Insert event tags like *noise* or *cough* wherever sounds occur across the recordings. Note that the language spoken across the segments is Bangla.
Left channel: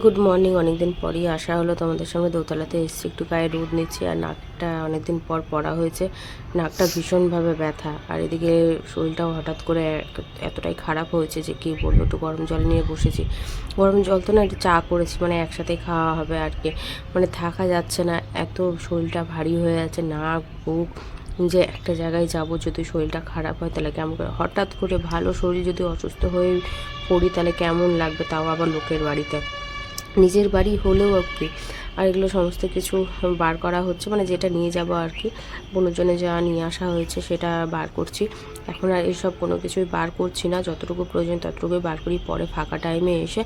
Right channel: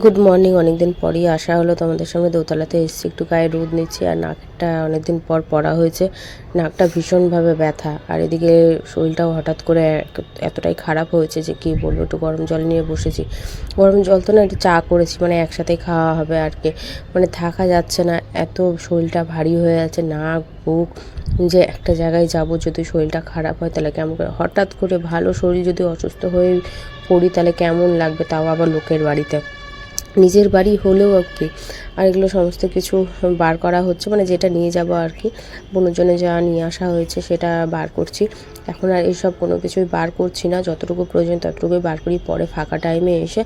গুড মর্নিং অনেকদিন পরই আসা হলো। তোমাদের সঙ্গে দোতলাতে এসেছি। একটু গায়ে রোদ নিচ্ছি আর নাকটা অনেকদিন পর পড়া হয়েছে। নাকটা ভীষণভাবে ব্যথা। আর এদিকে শরীরটাও হঠাৎ করে এতটাই খারাপ হয়েছে যে কি বলব, একটু গরম জল নিয়ে বসেছি। গরম জল তো না, একটু চা করেছি মানে একসাথে খাওয়া হবে আর কি। মানে থাকা যাচ্ছে না, এত শরীরটা ভারী হয়ে আছে, নাক, বুক। যে একটা জায়গায় যাব যদি শরীরটা খারাপ হয়, তাহলে কেমন করে? হঠাৎ করে ভালো শরীর যদি অসুস্থ হয়ে পড়ি, তাহলে কেমন লাগবে? তাও আবার লোকের বাড়িতে। নিজের বাড়ি হলেও আর কি। আর এগুলো সমস্ত কিছু বার করা হচ্ছে মানে যেটা নিয়ে যাব আর কি। বনজনে যা নিয়ে আসা হয়েছে সেটা বার করছি। এখন আর এইসব কোনো কিছুই বার করছি না, যতটুকু প্রয়োজন ততটুকুই বার করি। পরে ফাঁকা টাইমে এসে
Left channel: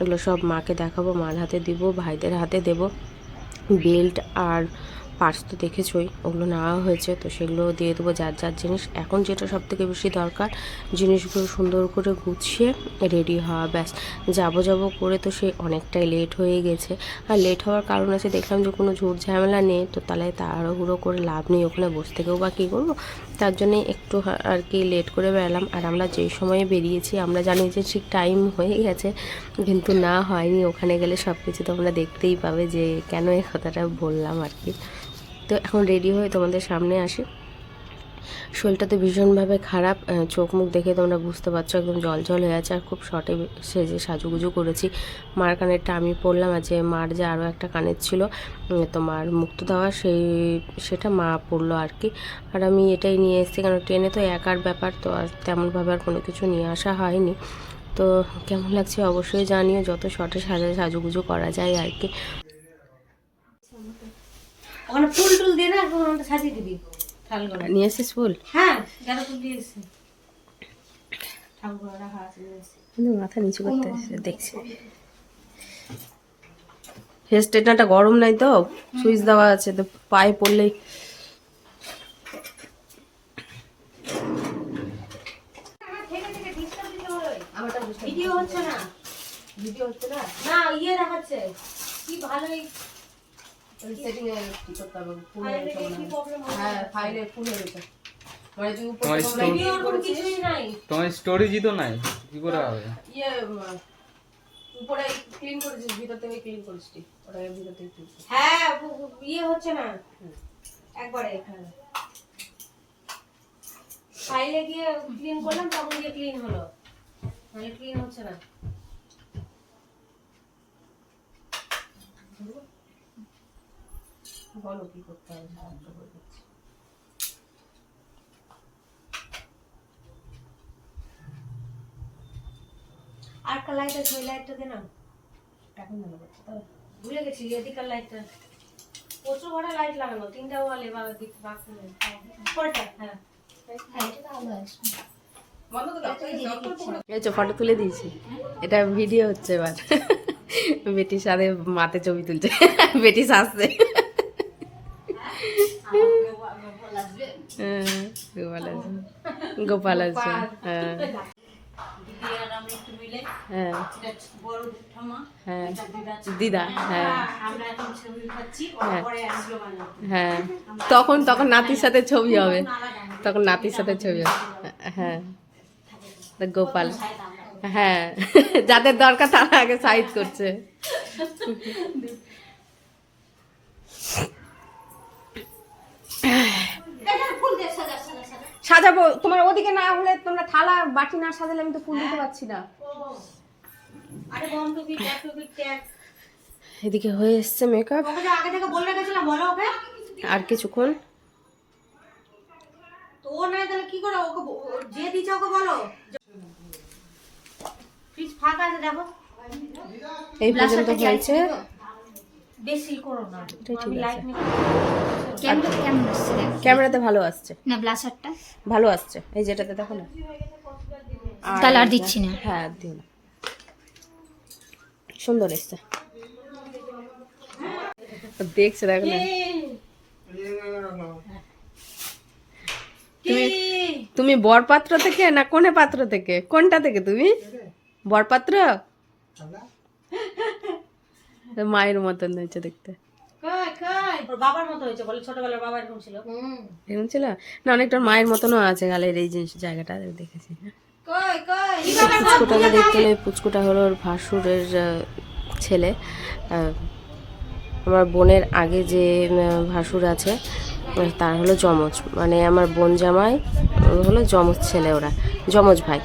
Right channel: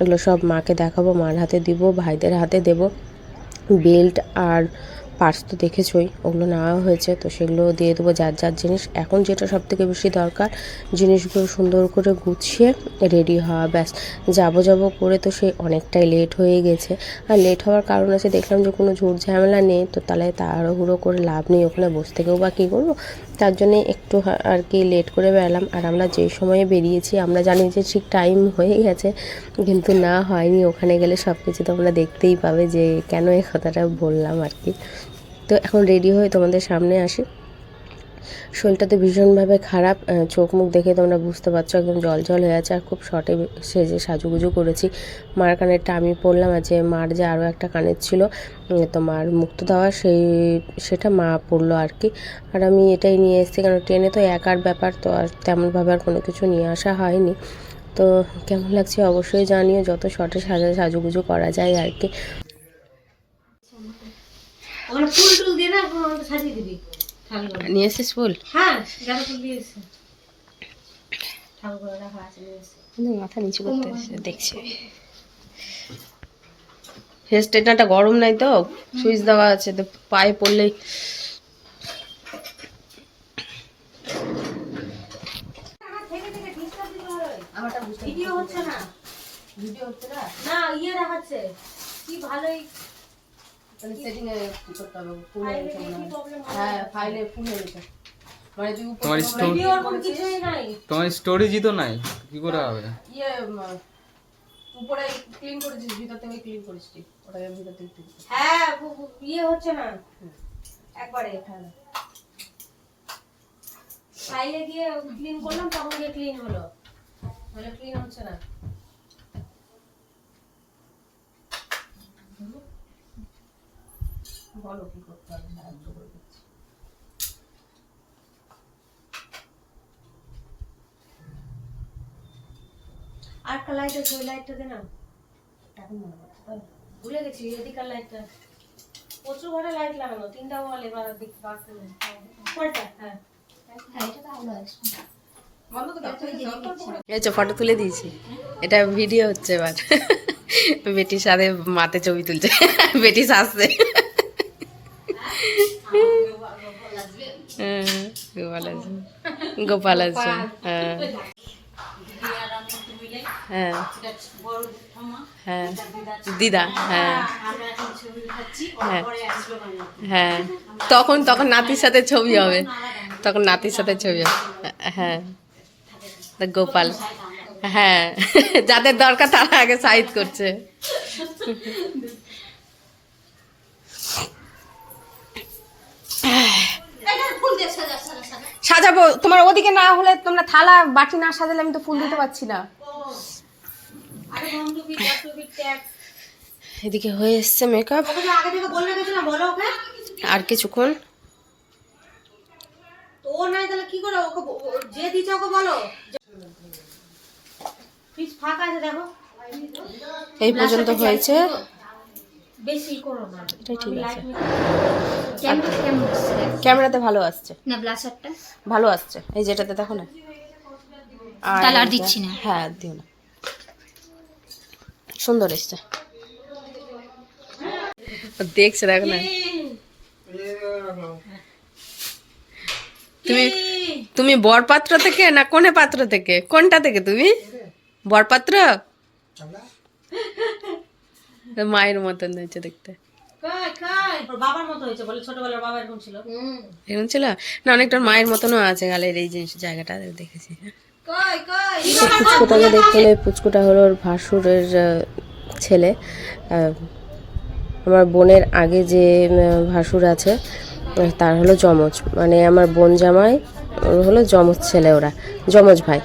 এগুলো সব মাকে দেখাবো, মার হাতে দিব, ভাইদের হাতে দেব। বেল্ট আর পার্স তো দেখেছই, ওগুলো নেওয়া হয়েছে, তো সেগুলো দিয়ে দেবো যার যার জিনিস। এখন যেটা সব থেকে বেশি দরকার, জিনিসগুলো সুন্দর করে গুছিয়ে রেডি হওয়া, ব্যাস। যাব যাব করে তো সে অনেকটাই লেট হয়ে গেছে। আর লেট হওয়ার কারণ আছে, দেখলাম যে কোনো ঝুট ঝামেলা নেই, তো তাহলে তাড়াহুড়ো করে লাভ নেই, ওখানে বসে থেকেও বা কী করব তার জন্যে একটু আর কি লেট করে বেরালাম আর আমরা যেই সময়ে বেরিয়েছি, আমরা জানি যে ঠিক টাইম হয়ে গেছে, কিন্তু না হয়নি। ওখানে গেলে সব কিছু তোমরা দেখতেই পাবে যে কেন এই কথাটা বললাম আর কি। তো এখন রেডি হয়ে তোমাদের সামনে আসি। শরীরটা তো ভীষণভাবে খারাপ চোখ মুখ দেখে তোমরা বুঝতে পারছ একদম জল জল হয়ে আছে। আর খুব শর্টে সেজে সাজুগুজু করেছি। মার কানেরটা আমি পরলাম আর যে মার যে আরও একটা কানের ছিল উম, তো মার মুক্ত দেওয়া সেই সেটা মা পরলো আর কি। আর আমি এটাই নিয়ে এসেছি কারণ ট্রেনে তো একার ব্যাপার তো আর তেমনভাবে আর কোনো কিছু নিয়ে আসা হয়নি। তো কেমন লাগছে অবশ্যই জানিও যত শর্টে সাজা সাজুগুজু করা যায় আর কি। ওখানে ফুল টুল দিয়ে না সাজিয়ে দিবি। নিয়ে এসেছিস ফুল? হ্যাঁ ফুল দিয়ে। কিন্তু মাথা নিচু করতে এসে দেখছে। হেয়ার স্ট্রেটনারটা গরম নাই তো? সুইচ দেওয়া আছে তো পায়ে পড়লেই ভিডিও হচ্ছে না। ভিডিও হচ্ছে না? না ইয়ে দেখাচ্ছে। কি ভালোই তাহলে সেটিং এ করতে হবে? ফুল হয়ে গেছে মনে কি হয়। প্রবলেম হ্যাঁ ফাইলে ফুল হয়ে গেছে। মানে তুই উপর তোমার থেকে স্টোর- ভিডিও ওরকম কিছুই নাই। তোমার স্টোরেজই তো নাই। কি করে হবে? ইয়ে উপরে ক্লিন করেছিস ভিতর থেকে ক্লিন করিস ওটাকে ভিতর থেকে ক্লিন হ্যাঁ ইয়ে হচ্ছে না। একবারে। ফাইলে গিয়ে ক্লিন করলাম তখন গিয়ে ক্লিন হলো। নাহলে ক্লিন হচ্ছে না। বলো কি করতে হবে সাহায্য করে দিচ্ছি। আর একটা লাইট আছে ওই লাইটটা দে না। এখন মনে করছে তাই ভুলে গেছি এদিকার লাইটটা প্রচুর ঘরে লাইট লাগানো তিনটা ওয়ালে বা দিক নেই। কোনটা হ্যাঁ। এই তো ফটো তুলে দিয়েছি এটা ভিডিও হচ্ছে এবার। *laughs* বেটির সাথে মাতে ছবি তুলছে *laughs* বেটি সাজছে হ্যাঁ, গোপাল আছে গোপাল আছে হ্যাঁ। হ্যাঁ। হ্যাঁ। দিদা হ্যাঁ। হ্যাঁ। হ্যাঁ। তখন তখন নাতির সাথে ছবি হবে। তখন নাতির সাথে ছবি হবে। হ্যাঁ। গোপাল হ্যাঁ। যাদের দরকার তারা আগে সাইড করছে। সাজাবো। তোমার ওদিকে না হলে তোমরা থালা বাটি না সাজালে আমি তো ফুল দিতে পারছি না। এদিকে হয়ে এসছে মেকআপ আর কিছুক্ষণ। ও নাই তাহলে কি করে? ওকে যে দিচ্ছে ওকে বলো। ফ্রিজ ফাঁকা আছে দেখো। এই পর্যন্ত হয়েছে। বেশি করো না। এটাই ঠিক আছে। লাইট ক্যামেরাতে ভালো আসছে। না ব্লাশারটা ভালো আসছে। এই যেটাতে দেখো না। তাহলে আর দিচ্ছি না। হ্যাঁ আর দিও না। সুন্দর এসছে। দেখছে দেখো না। তুমি তুমি বরপাত্র থেকে না কোনে পাত্র থেকে? কোনটা থেকে তুমি? বরপাত্র? মায়ের মতন হয়েছে দেখতে। কাই কাই ওর বাবার মতো হয়েছে বলে ছোটবেলার বাবা এরকম ছিল। এরকম ছিল? না অনেকটা মায়ের মতনও আছে গালের এই জিনিস জায়গাটা দেখেছি। পুচকুটাকে দেখতে হলে পুচকুটা হলো ওর ভাসুরের ছেলে। আমার বোনের আগে যে ভাসুর আছে তার হলো যমজ। মানে আমার বোন জামাই ওর হলো যমজ ছেলে ওরা যমজ ভাই।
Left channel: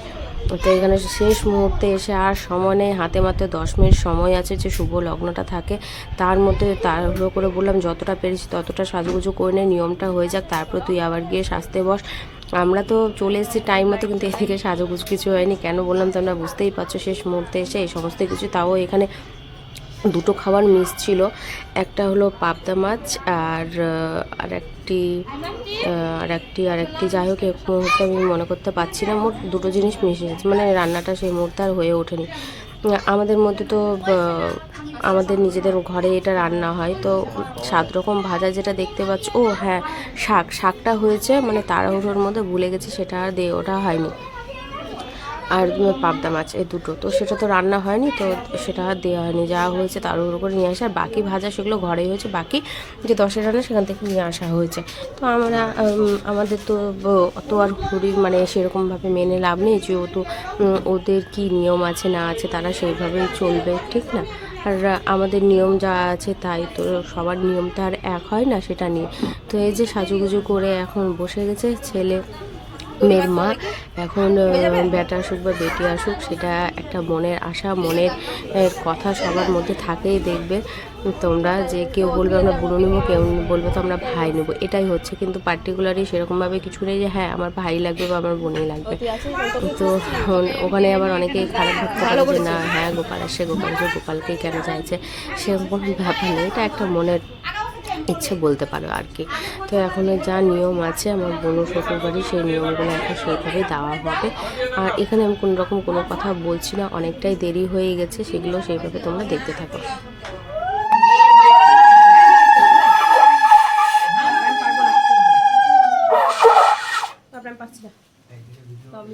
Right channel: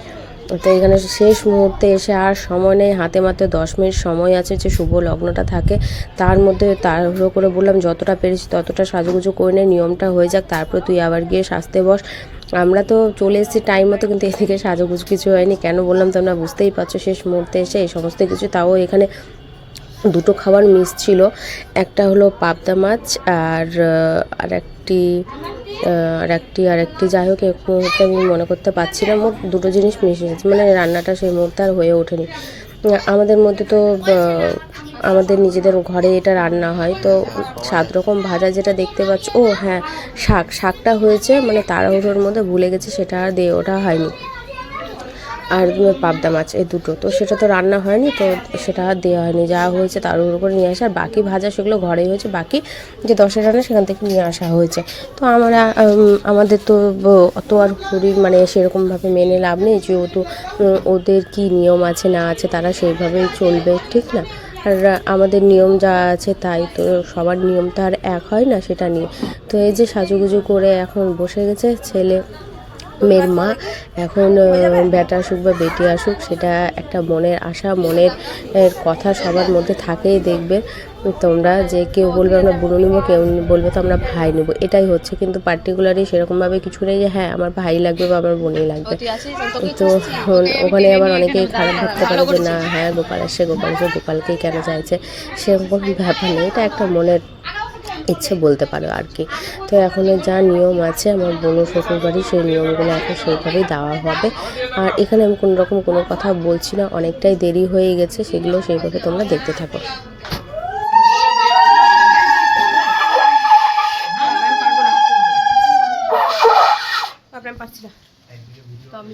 তো এখানে শেষ মুহূর্তে এসে আর সময় নেই। হাতে মাত্র দশ মিনিট সময় আছে যে শুভ লগ্নটা থাকে, তার মধ্যে তাড়াহুড়ো করে বললাম, যতটা পেরেছি ততটা সাজুগুজু করে নে, নিয়মটা হয়ে যাক, তারপর তুই আবার গিয়ে সাজতে বস। আমরা তো চলে এসেছি টাইম মতো, কিন্তু এদিকে সাজুগুজু কিছু হয়নি। কেন বললাম তোমরা বুঝতেই পারছ, শেষ মুহূর্তে এসে এই সমস্ত কিছু, তাও এখানে দুটো খাবার মিস ছিল। একটা হলো পাবদা মাছ আর আর একটি আর একটি আর একটি যাই হোক এক মুহূর্তে আমি মনে করতে পারছি না। মোট দুটো জিনিস মিশে গেছে। মানে রান্নাটা সেই মুহূর্তে আর হয়ে ওঠেনি। আমাদের মধ্যে তো আমাদের নিজেদের ঘরে এটা রান্না হয়। তো সাত রকম ভাজা যেটা দেখতে পাচ্ছ, ও হ্যাঁ শাক। শাকটা হয়েছে মানে তাড়াহুড়োর মধ্যে ভুলে গেছে, সেটা আর দিয়ে ওঠা হয়নি। আর পাবদা মাছ, এই দুটো। তো সেটা তো রান্না হয়নি, তো সেটা আর দেওয়া হয়নি। যা হয়েছে তার উপর করে নিয়ে আসা। বাকি ভাজা সেগুলো ঘরেই হয়েছে। বাকি যে দশের রান্না সেখান থেকে নিয়ে আসা হয়েছে। তো আমরা আমাদের তো অত আর শরীর মানে সেরকমভাবে মেনে লাভ নেই। যেহেতু ওদের কি নিয়ম আছে, না আছে, তারা সেইভাবেই চলবে, ঠিক না? আর আমাদের নিয়ম যা আছে তাই তো সবার নিয়ম তো আর এক হয় না সেটা নিয়ে। তো এই যে সাজুগুজু করে এখন বসে গেছে ছেলে। মেয়ের মা। এখন বেটা আসুক বা বেটি আসুক সেটা একটা মনের আশা মনের কথা সবার মধ্যে থাকেই দেখবে। তোমরা যে কেউ বলবে আমরা বুড়ো নিবো কেউ বলবে তো আমরা ভাই নেব। এটাই হচ্ছে। কিন্তু পার্টিকুলারলি সেরকমভাবে কিছু নেই যে হ্যাঁ আমার ভাই লাগবে বা আমার বোনই লাগবে। তো ওখানে আবার অনেকেই খারাপ ভাবতে পারে যে না হ্যাঁ গোপাল আসছে গোপাল আসছে গোপালকেই কেন চাইছে? সেরকম ব্যাপার নেই। এটা একটা মনের ইচ্ছে বলতে পারো আর কি। তো এখন যা নিয়ম আছে আমার বোন শ্বশুর বাড়ি সেই নিয়মগুলো এখন সেইভাবেই দেওয়া হবে। আর এখানে আমি কোনো রকম কোনো কথা বলছি না অনেকটাই দেরি হয়ে গেছে সেগুলো সেইভাবে তোমরা দেখতে থাকো। আপনার পাচ্ছি না। আমি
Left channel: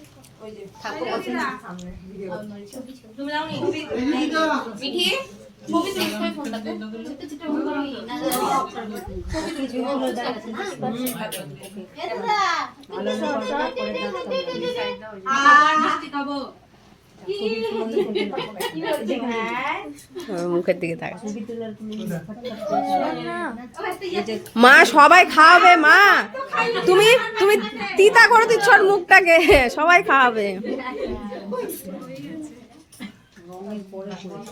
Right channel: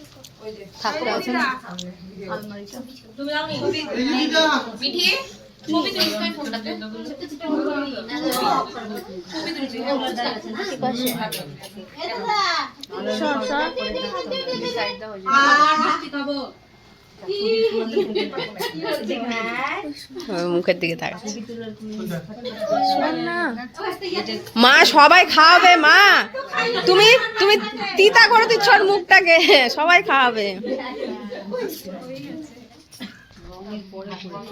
টাইম আমার মুখের দিকে তাকা মা, সবাই খাওয়াবে, মা। তুমি তুমি তিতা করে দিচ্ছ মুখটাকে। সবাই খাওয়াবে। শঙ্কটা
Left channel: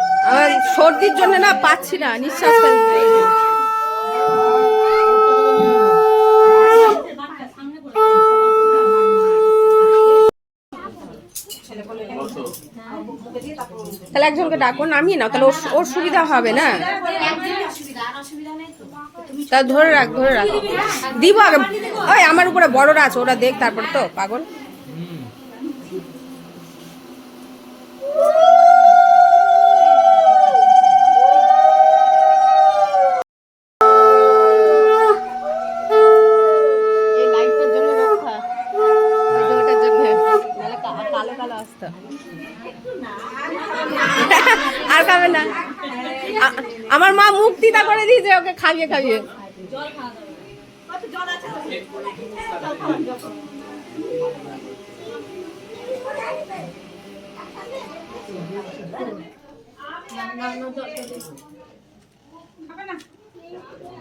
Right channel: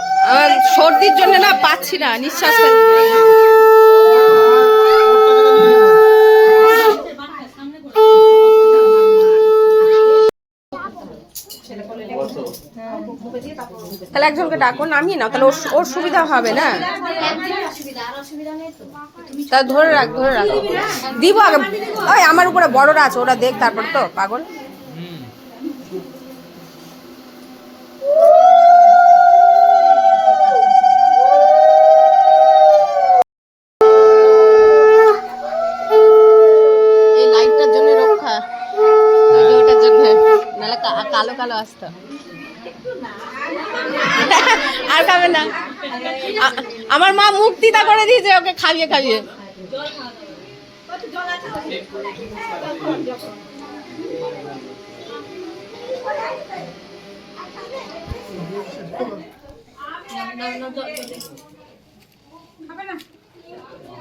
সর্দির জন্য না পাচ্ছি না, নিঃশ্বাস তাহলে একজনকে ডাকো নামিয়ে না তাহলে ওর সুবিধা হবে না? তাহলে ধরে রাখ ধরে রাখ। দিব আগে। আমার উপরে বড়রা আছে, ওরা দেখ তারপর তো, পাগল। আর খাবে না। আমার মা মুক্তিটা করে দিয়েছে ওকে খাইয়ে খাইয়ে।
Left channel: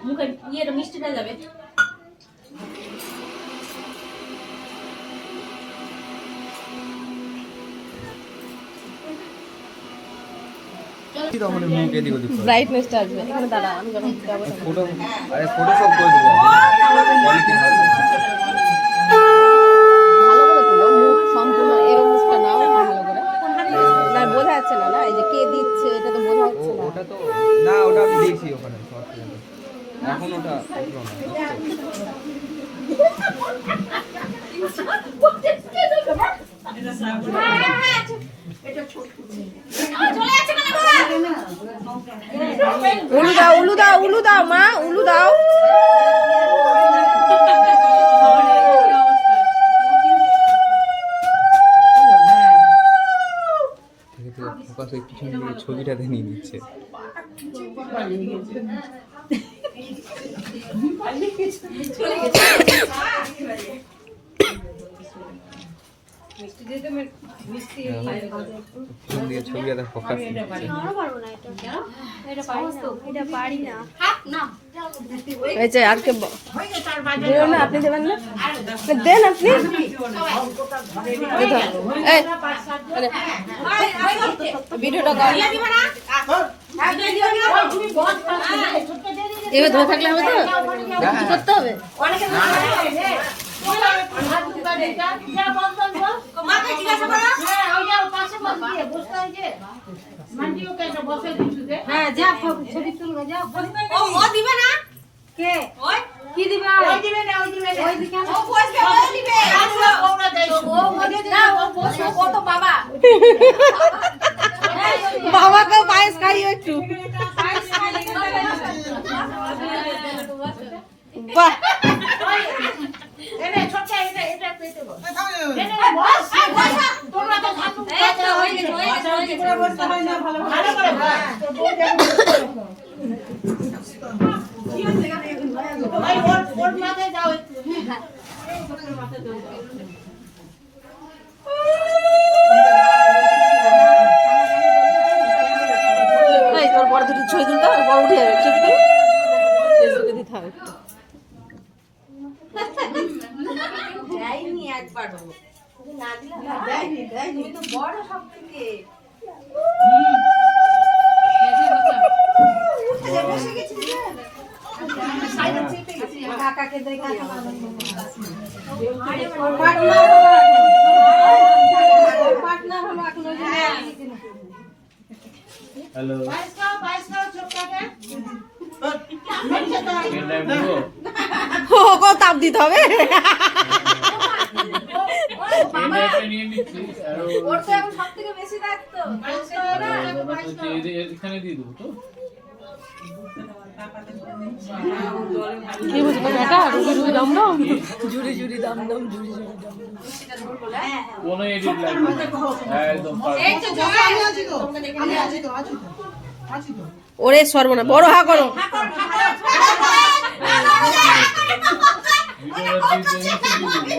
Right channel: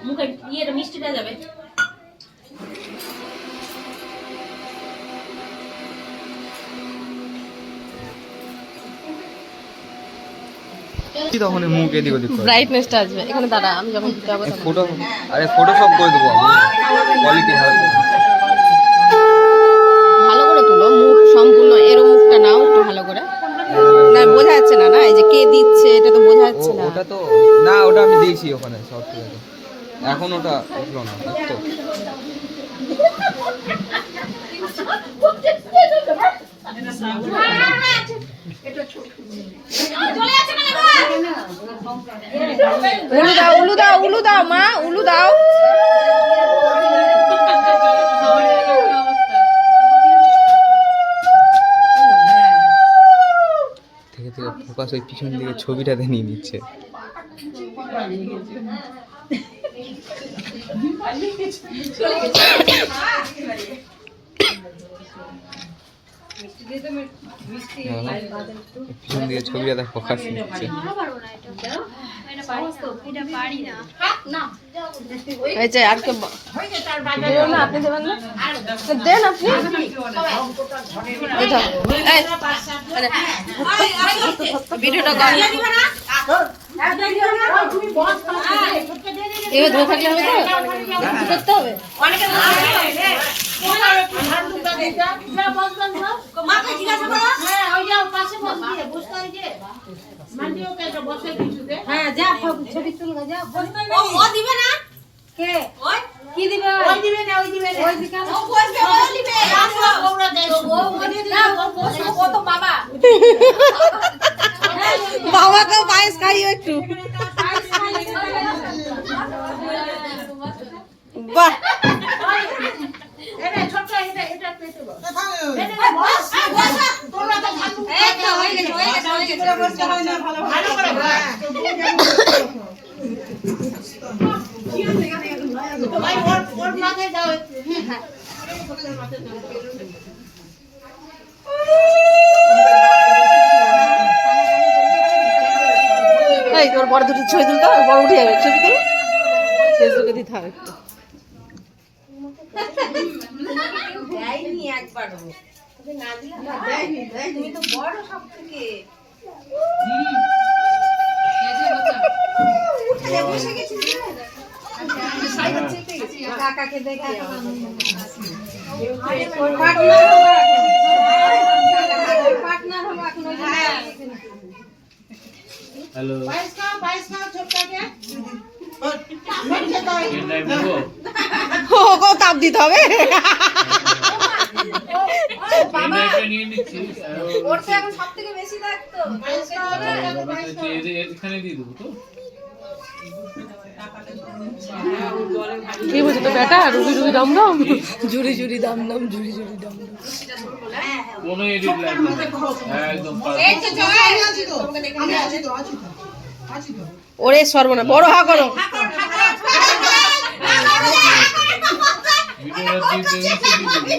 মুখে ইয়েটা মিষ্টিটা যাবে। কি তখন মুখ এদিক ওদিক ব্রাইটনেসটা আসবে। এখানে দাঁড়া আমি যখন দিতে যাব তখন। ফটো আরে ফটো সব করে দেবো কোয়ালিটি ভালো। ভালো করে তুলো মুখ সম্পূর্ণ এরো মুখটা নাও একটু ভালো করে। না বোঝা যাচ্ছে না না? এই যে কে দিচ্ছে এটা তো বোঝা যাচ্ছে না। ওটা তো না ওটা আমি দিয়েছি ওখানে সব এখন ওটা উঠল না বুঝছ? উলু দাও উলু দাও উলু দাও মা উলু দাও। থেকে থেকে ফোকাস ওই পিছন দিকে ছবিটাতে নিয়ে নিচ্ছে। পিছন দিকে ছবিটাতে ফোকাস নিচ্ছে। এই আর কে না আপনি দেবেন না? দেন আপনি? আরে, ভিডিওটা কর। এবার ধরে থাকলে হবে তো? করতে হবে? মাকে জিজ্ঞাসা করো। হ্যাঁ যা ছবি তুলবে যা ও ও দিবে না? কে? ওই। কি দিবে? ওই দিবে না ওই দিবে না। ওই দিবে ও বসবে ও দিবে। ওরা দেয় ও দিবে ও বসবে। ও তো বাবা। বাবাকে পায়েস খাইও একটু। বাহ। বড় দুটো ছবি তুলতে হবে, বড় উঠে যাবে। তুল। ফেসবুকে দিতে হবে একটু। দেয়নি একবারও তুমি না দিলে তুমি তো বড় সব থেকে কাকাকে দেখে হ্যালো ওকেও তাপ দিতে হবে ও- সব থেকে বেশি লাগতো ব্যাপারটা হচ্ছে এই যে এখানে দিয়ে দেবো তো কি বুঝতো বেটা রুবি রুবি দম দম জুড়ি জুড়ি দাম দাম জুড়ি জুড়ি দাম কোনো এডিট লাগবে না। একদম এই। তো জয় ওরে সর্বনা বড় হা করো ভিডিওটা দিয়ে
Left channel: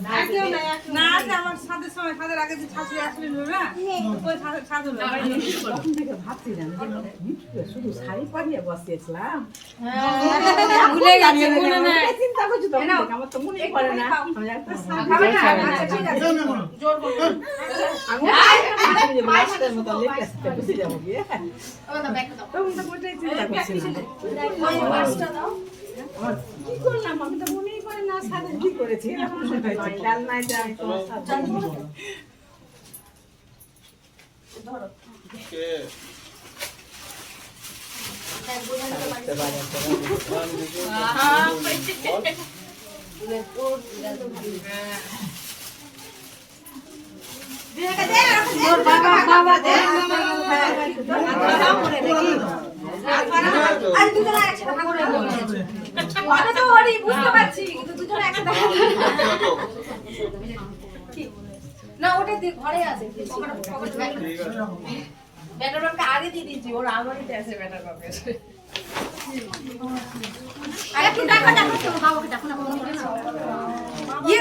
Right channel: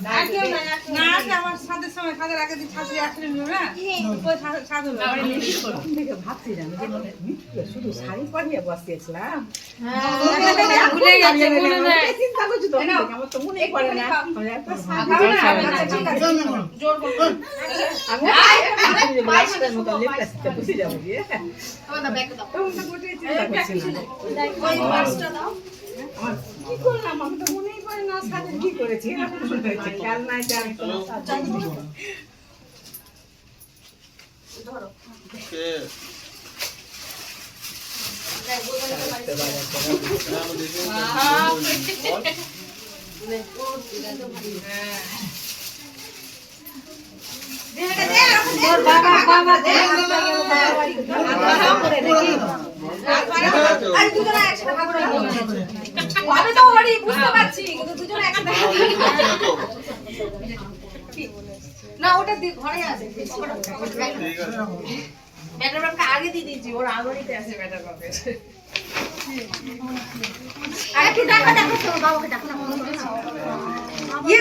দিয়ে নিচে দিয়ে দিবি। শাশুড়ি হাসছে একবারে চলো চলো ঠিক আছে। না আছে আমার সাদের সময় সাদের আগে যে ছাত্রী আসলে না ওই সাধু ভুলে গেছে মনে নেই। আমি তো ওরই বুঝতে পারছি কিন্তু দুজনে একসাথে না ওটা দি- ঘরে আছে ব্যাটার বাপকে আগে দিয়ে দিয়েছি ওর আগরিতে আছে ব্যাটার বাপের। ইয়ে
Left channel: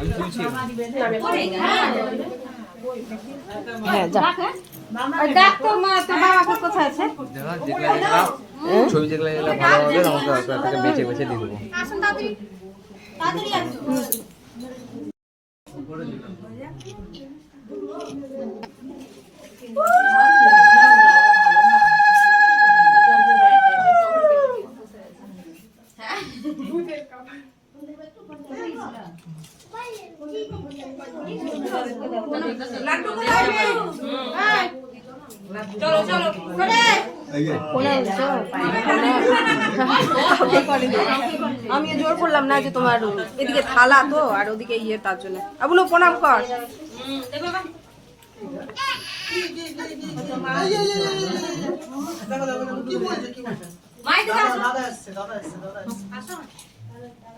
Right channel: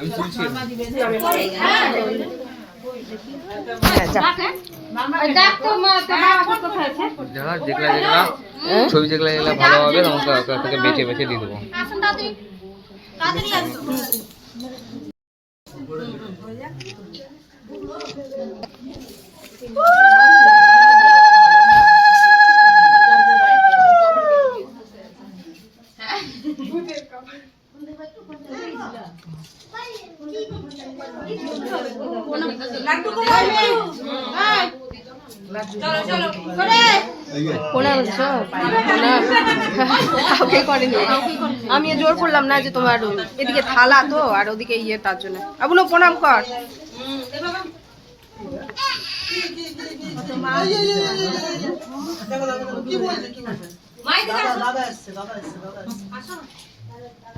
আমি তুলছি। যারা যেগুলা ছবি যেগুলা যেগুলা ভালো হবে ওটা থেকে বেছে বেছে দিয়ে দেবো। আসুন চলো চলো বলছো আমি জোর করলাম না যে তোমার এদিকে থালা তো আর ওদিকে ইয়ে তার জন্য। আবুনো প্রণাম কর। তো করো সবাইকে ই করো হ্যাঁ জোরে পুরো গ্যালারি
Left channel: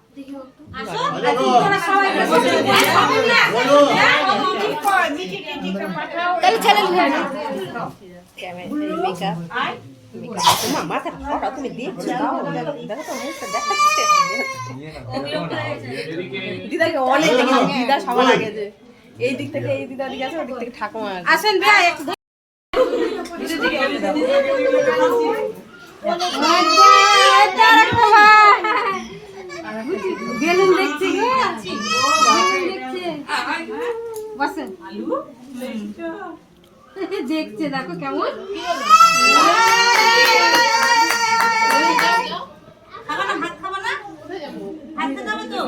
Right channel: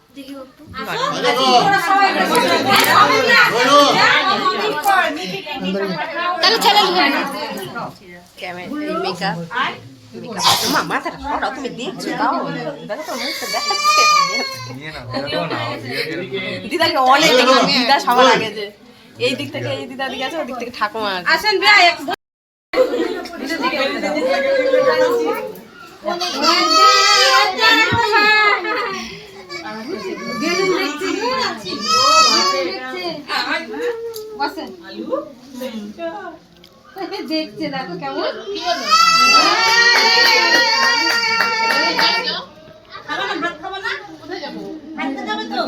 তাহলে ছেলে নিয়ে ক্যামেরা এই মেকআপ মেকআপ মাথাটা সরাও তুমি দেখছ তাও দেখো তো মুখটা দেখাচ্ছে। নিয়ে নাও দেখো না দিদাকে অনেক দেখেছি। দিদা সবার আগে যে এই দিক থেকে এই দিদা দিকে আছে ওই দিক থেকে ঠাকুমা আছে। আসেন এক দেখছে দেখো কেমন। খাব না ভাত খাব না? যাবে তো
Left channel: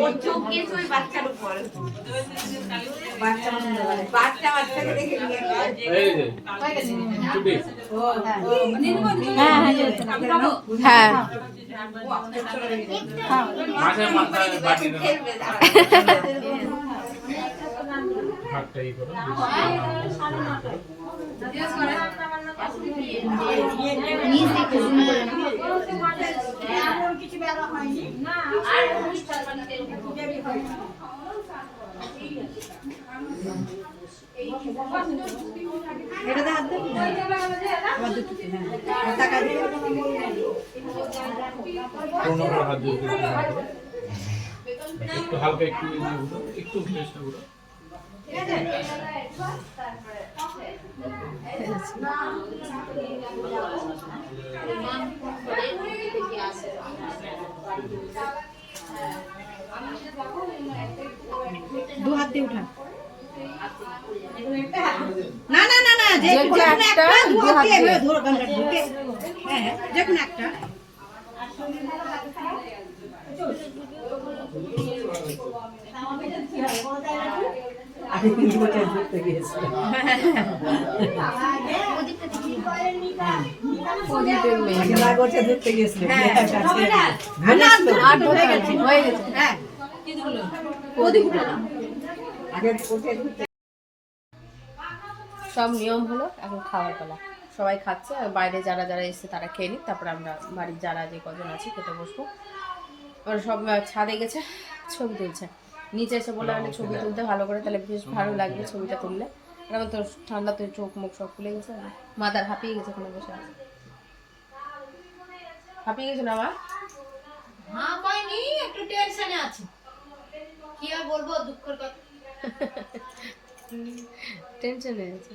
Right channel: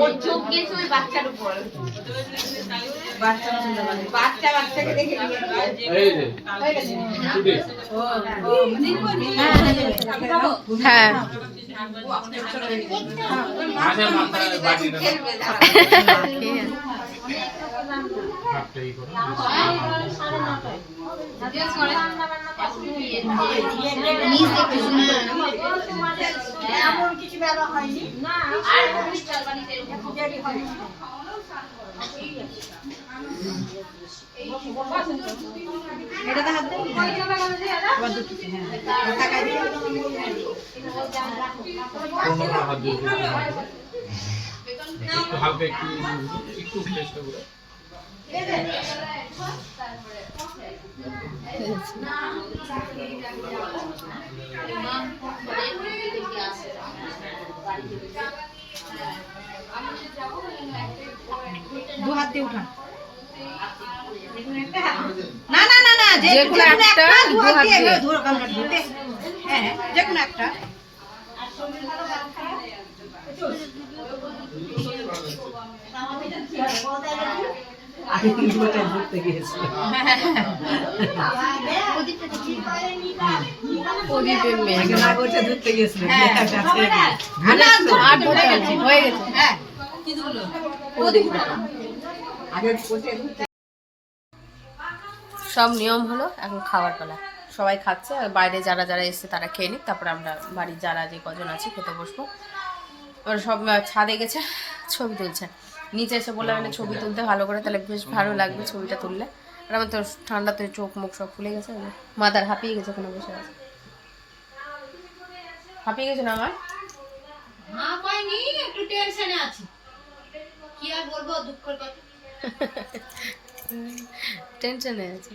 ওর চোখ গেছে ওই বাচ্চার উপর বাচ্চা বাচ্চা বাচ্চাকে দেখে এই যে ছুটি হ্যাঁ করো পনেরো হাত একটু চেষ্টা করো না না না না যে যে কোনো একটা দু হাত দিয়ে ধরো কামড়া ঢুকে হ্যাঁ যে কোনো একটা সব নিয়ম হলো এখন খাবার পালা। সবাই খাচ্ছে, আর বাইরে যারা যারা এসছে তারা খেয়ে নিক, তারপর আমরা বাড়ির যারা যে কজন আছে খেতে বসবো। ওরা সব ছাদে গেছে, ছবি তুলছে। নিচে এসে বললাম একটা ছবি তুলতে ভালো করে তাহলে বেশ ভালো লাগবে ছবিটা তুললে। আর আমার তো ঠান্ডাতে চোখ মুখ সব ফুলে গেছে মাথার হাঁপিয়ে গেছে কোনো বসে আছে। হাঁপিয়ে গেছে না আমার? হ্যাঁ পাইনি একটু টেনশনে আছি। কি আর বলব দুঃখের কথা। *laughs* টেনশনে আছে।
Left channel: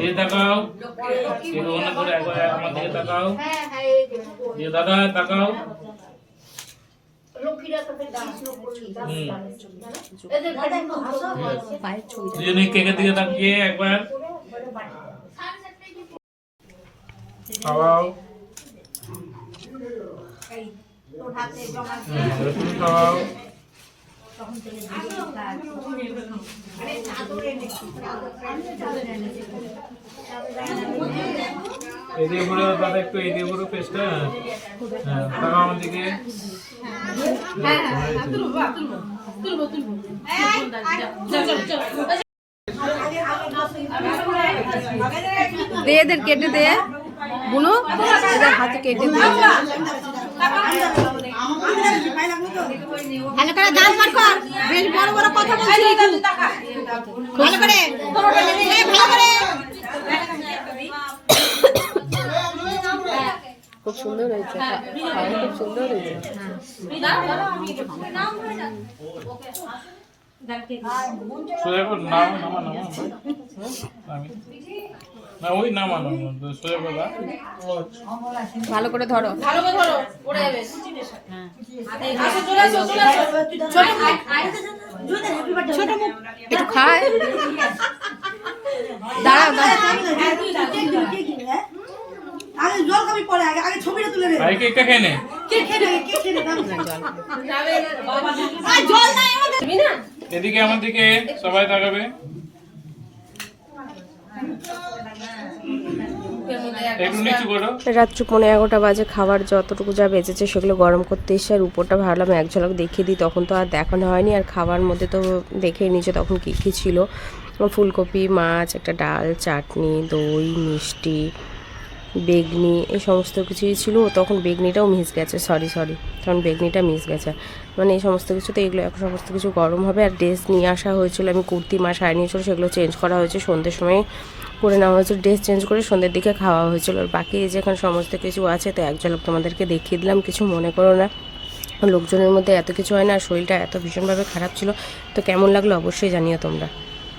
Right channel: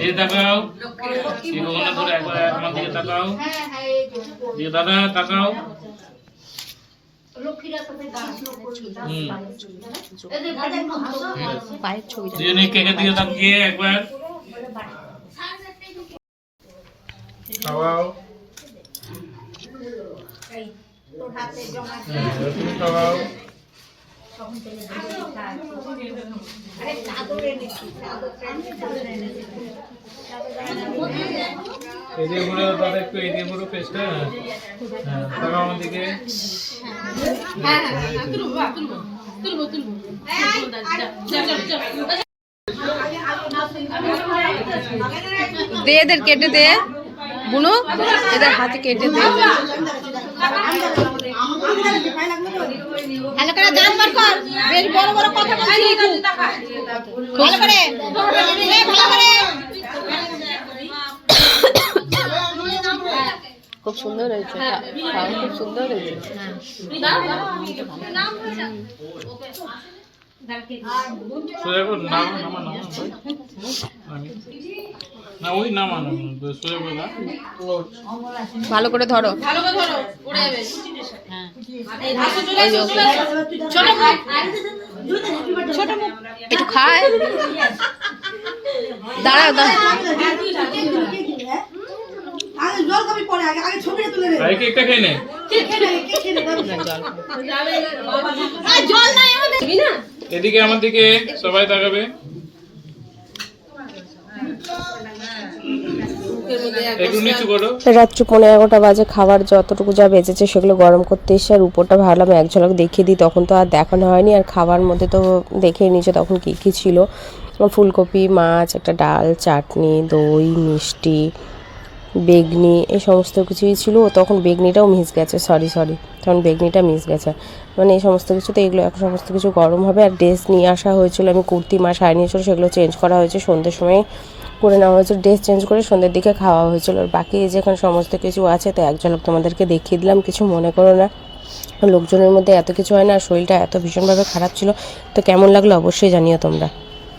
এই তাকাও। এই ভগবানের করে একবার আমার দিকে তাকাও। যে দাদা তাকাও। কেকের দিকে তাকিয়ে একবার। খাওয়াও। হুম, একটু খাওয়াও এদিকে ঘুরো দাদা একটু এদিকে ঘুরো পেস্টটা হ্যাঁ তাকাও আমার দিকে দে এদের কেটে দে বুনু এদের হাতে কেটে দে ভালো করে গান বার কর বেশ বড় বড় কথা বলছিস ভালো করে এই ভালো করে খুব সুন্দর হয়েছে। খা- খাওয়া খুব সুন্দর হয়েছে ভালো করে ধরো। একটু খায় দাঁড়াও দাঁড়াও আগে জল কবি পরে আগে আগে ছবিটা তুলে নে। ভাই কেকটা খেয়ে নে? এদিকে আমার দিকে সবাই তাকাবে। রাত্রি পনেরো এগারোটা বাজে খাবার যতটুকু যা বেঁচেছে সেগুলো গরম করতে এসে আর উপরটা ভাবলাম এক ঝলক দেখিয়ে দিই তখন তো আর দেখানো হয়নি। আর খাবার মধ্যে তো দেখে নিচে তখন কী কী ছিল। ফুলকপি মাছ একটা ডাল চাটনি দই মিষ্টি বেগনি এই সমস্ত কিছুই ছিল। তখন বেগনিটাও মিস গেছে সরি সরি তখন বেগনিটা মিস গেছে। মানে এই সমস্ত কিছুতে এগুলো এখন সমস্ত কিছু গরম হবে আর ড্রেস নিয়ে আসা হয়েছিল। আমি কুর্তি মা শাড়ি নিয়েছিল সেগুলো চেঞ্জ করা হয়েছে। সন্ধ্যের সময় করে নেওয়া হয়েছিল ড্রেস চেঞ্জ করে সন্ধ্যের দিকে খাওয়া হয়েছিল। আর বাকি যেখানে সমস্ত কিছু আছে তো এক ঝলক তোমাদেরকে দেখিয়ে দিলাম। কিছু মনে করো না। লোকজনের মধ্যে এত কিছু হয় না শরীরটা এত ভীষণভাবে খারাপ ছিল। তো কেমন লাগল অবশ্যই জানিও তোমরা।